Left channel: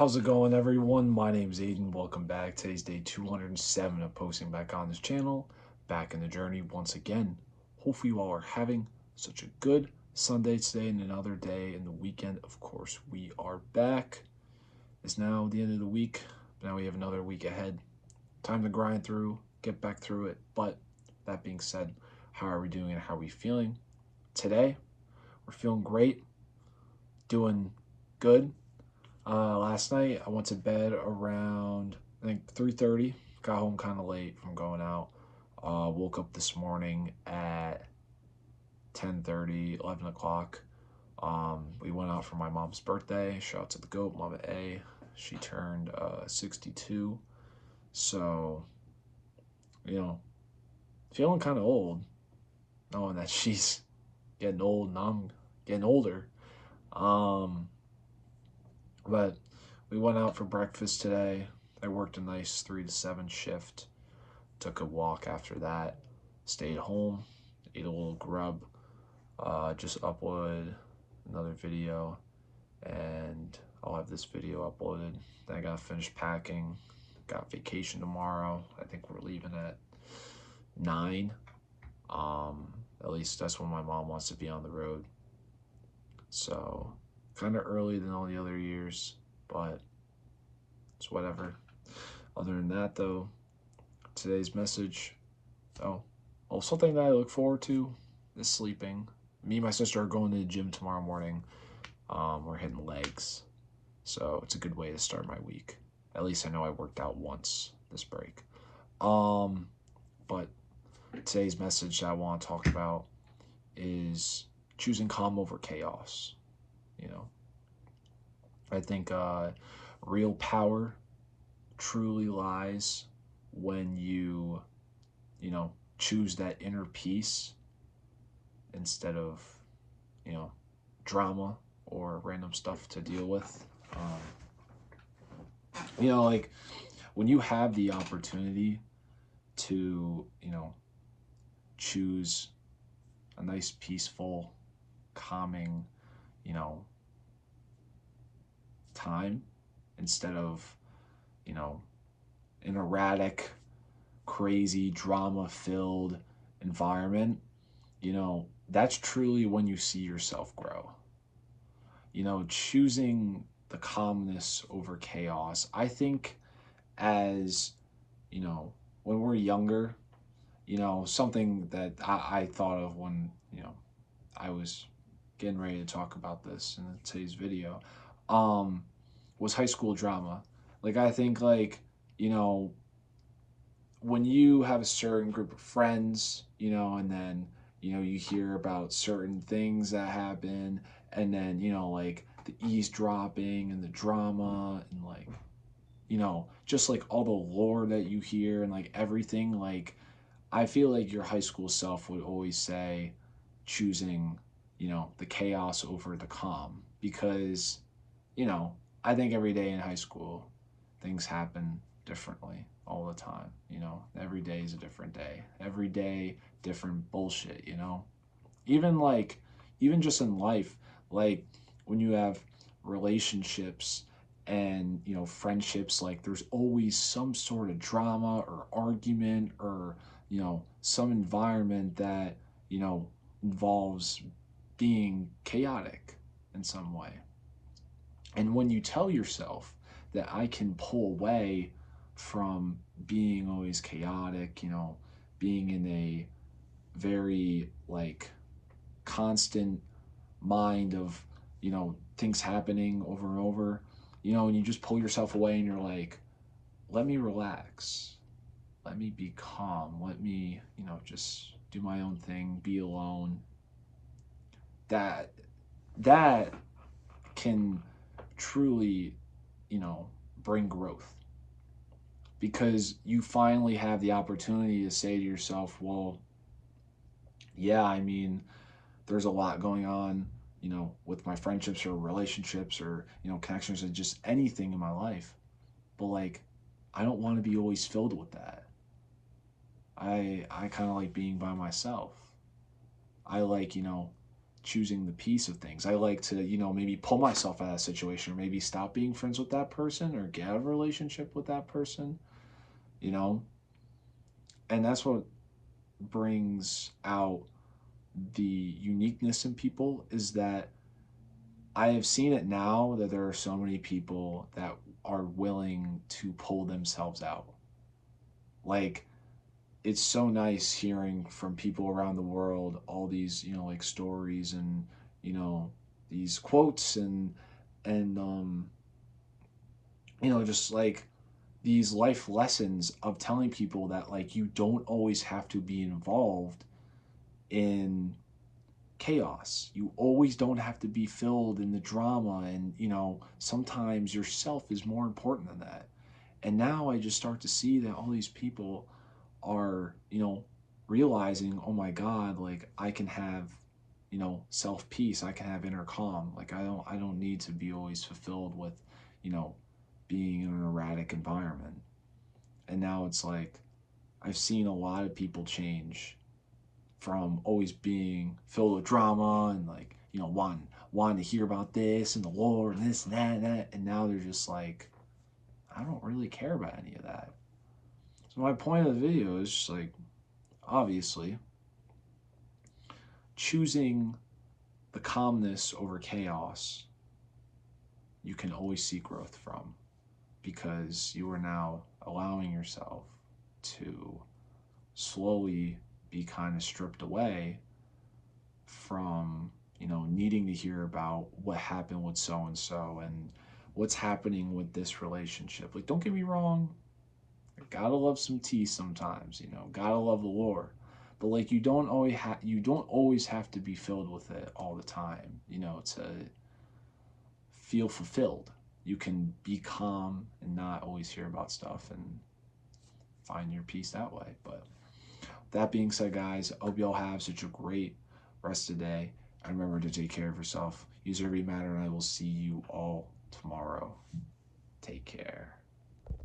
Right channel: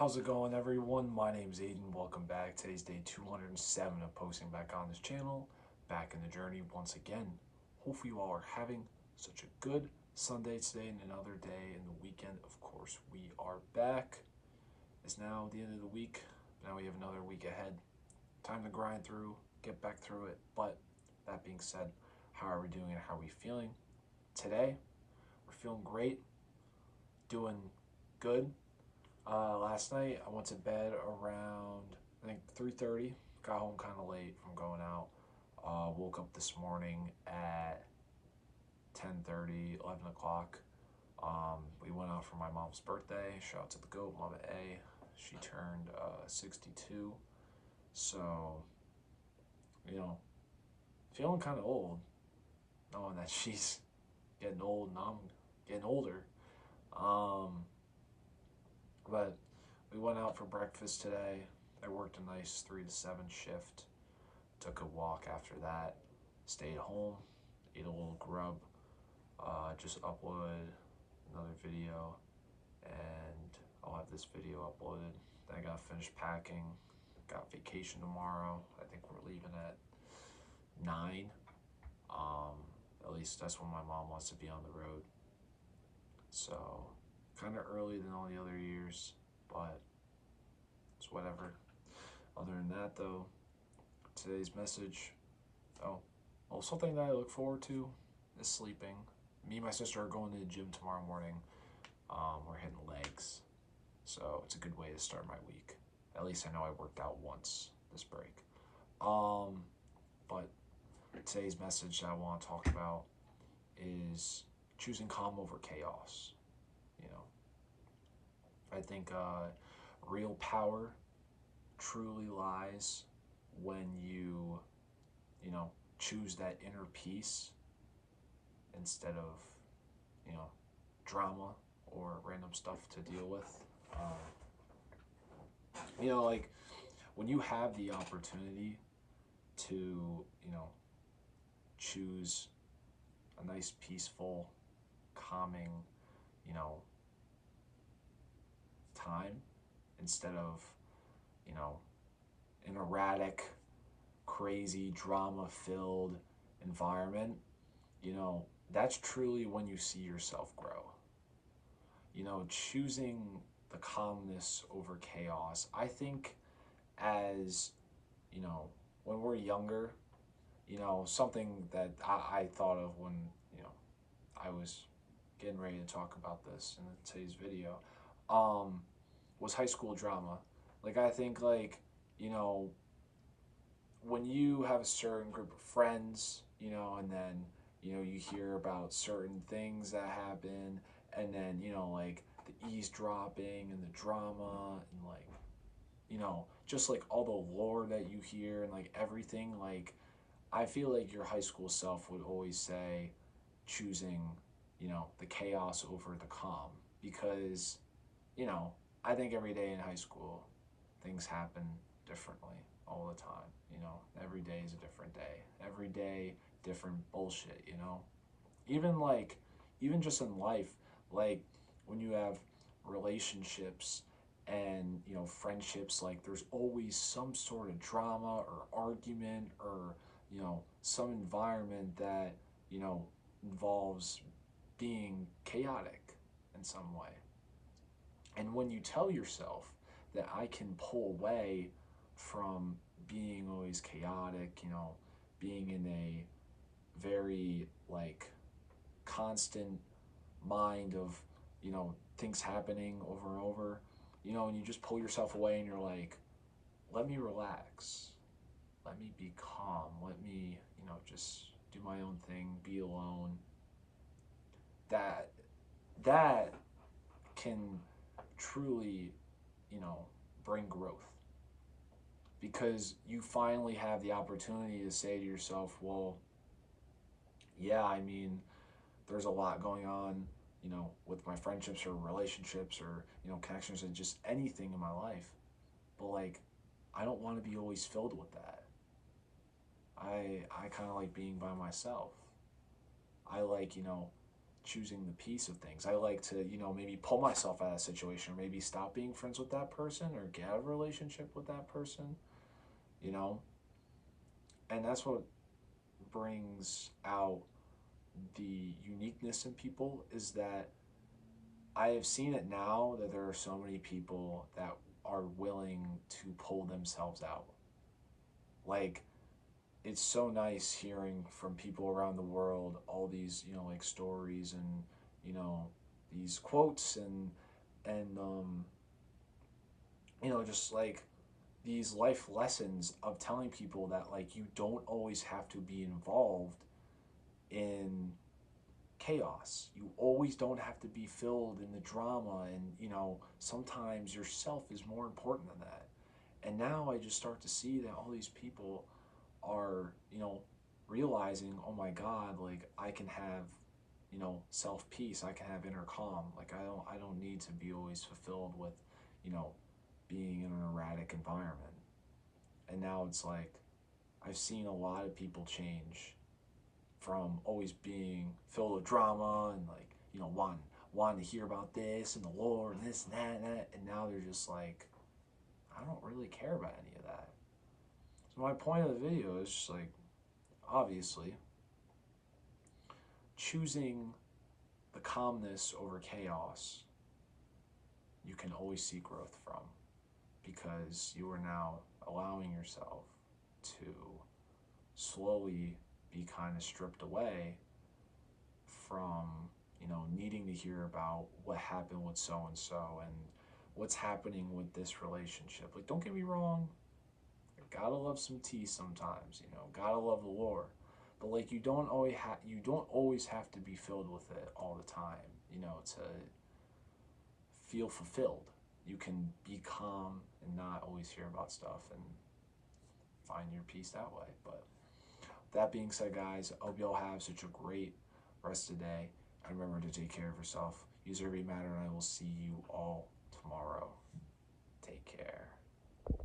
How's it going, everyone? My name's Aiden. Welcome back. Today's day 207 of posting back on this channel. Back in the journey once again. Hopefully, you all are having such a good Sunday today and another day in the weekend. Of course, we are back. It's now the end of the week. Now we have another week ahead. Time to grind through, get back through it. But that being said, how are we doing and how are we feeling? Today, we're feeling great, doing good. Last night I went to bed around I think 3:30. Got home kind of late from going out. Woke up this morning at 10:30, 11 o'clock. We went out for my mom's birthday. Shout out to the GOAT, Mama A. She turned 62. So, you know, feeling kind of old, knowing that she's getting old and I'm getting older. Um, But we went out for breakfast today. I worked a nice 3 to 7 shift. Took a walk after that. Stayed home. Ate a little grub. Just uploaded another video. And I'll have this video uploaded. Then I gotta finish packing. Got vacation tomorrow. I think we're leaving at 9. At least that's when my mom wants to be on the road. So kind of early than all the other years, but it's whatever. Other than that, though, today's message, something that I look forward to is sleeping. Me and my sister are going to the gym tomorrow morning. We're hitting legs, so it's a good way to start my week. At least I know I worked out once this break. But today's message that I want to talk about is choosing calm over chaos. You know, I think real power truly lies when you choose that inner peace instead of, drama or random stuff to deal with. Like when you have the opportunity to, choose a nice, peaceful, calming, you know, time instead of, an erratic, crazy, drama filled environment, that's truly when you see yourself grow. Choosing the calmness over chaos. I think as, when we're younger, something that I thought of when, I was getting ready to talk about this in today's video, was high school drama. Like, I think, like, when you have a certain group of friends, and then, you hear about certain things that happen, and then, like the eavesdropping and the drama, and like, just like all the lore that you hear and like everything, like, I feel like your high school self would always say choosing, the chaos over the calm because, you know, I think every day in high school things happen differently all the time, Every day is a different day. Every day different bullshit, Even like even just in life, like when you have relationships and friendships, like there's always some sort of drama or argument or some environment that involves being chaotic in some way. And when you tell yourself that I can pull away from being always chaotic, being in a very like constant mind of things happening over and over, and you just pull yourself away and you're like, let me relax, let me be calm, let me just do my own thing, be alone. That can truly bring growth because you finally have the opportunity to say to yourself, well, yeah, I mean, there's a lot going on, with my friendships or relationships or, connections and just anything in my life. But like, I don't want to be always filled with that. I kind of like being by myself. I like, choosing the peace of things. I like to, maybe pull myself out of a situation, or maybe stop being friends with that person, or get out of a relationship with that person, you know? And that's what brings out the uniqueness in people, is that I have seen it now that there are so many people that are willing to pull themselves out. Like, it's so nice hearing from people around the world all these, like, stories, and, you know, these quotes, and just like these life lessons of telling people that, like, you don't always have to be involved in chaos. You always don't have to be filled in the drama, and sometimes yourself is more important than that. And now I just start to see that all these people are, realizing, oh my God, like, I can have, self peace. I can have inner calm. Like, I don't need to be always fulfilled with, you know, being in an erratic environment. And now it's like I've seen a lot of people change from always being filled with drama, and, like, wanting to hear about this and the Lord and this and that and that, and now they're just like, I don't really care about any of that. So my point of the video is just like, obviously, choosing the calmness over chaos, you can always see growth from, because you are now allowing yourself to slowly be kind of stripped away from, needing to hear about what happened with so and so, and what's happening with this relationship. Like, don't get me wrong, I gotta love some tea sometimes, gotta love the Lord. But, like, you don't always have to be filled with it all the time, to feel fulfilled. You can be calm and not always hear about stuff, and find your peace that way. But that being said, guys, I hope y'all have such a great rest of the day. And remember to take care of yourself. Use every matter, and I will see you all tomorrow. Take care.